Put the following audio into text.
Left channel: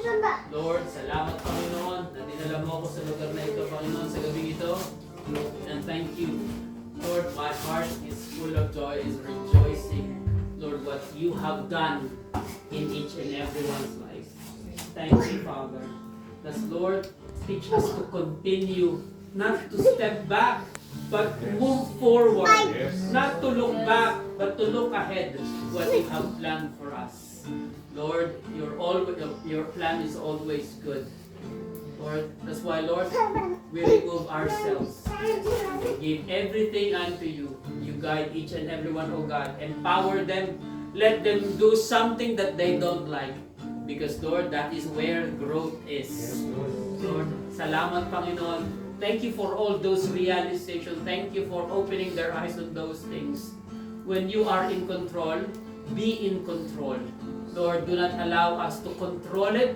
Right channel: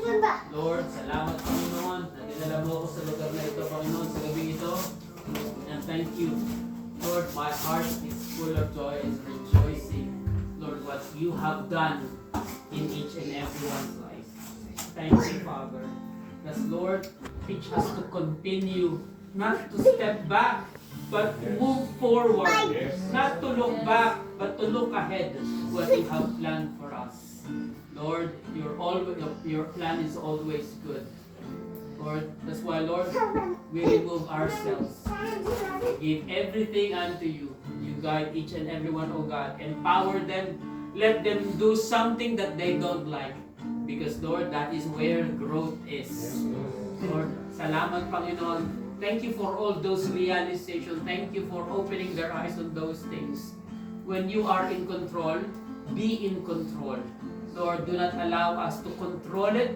Lord, salamat Panginoon na dinala mo ako sa lugar na ito, Panginoon, sa gabi ito. And thank you. Lord, my heart is full of joy, is rejoicing. Lord, what you have done in each and everyone's life. Thank you, Father. Thus, Lord, teach us to continue, not to step back, but to move forward. Not to look back, but to look ahead what you have planned for us. Lord, your plan is always good. Lord, that's why, Lord, we remove ourselves. We give everything unto you. You guide each and every one, oh God. Empower them. Let them do something that they don't like. Because, Lord, that is where growth is. Lord, salamat, Panginoon. Thank you for all those realizations. Thank you for opening their eyes on those things. When you are in control, be in control. Lord, do not allow us to control it,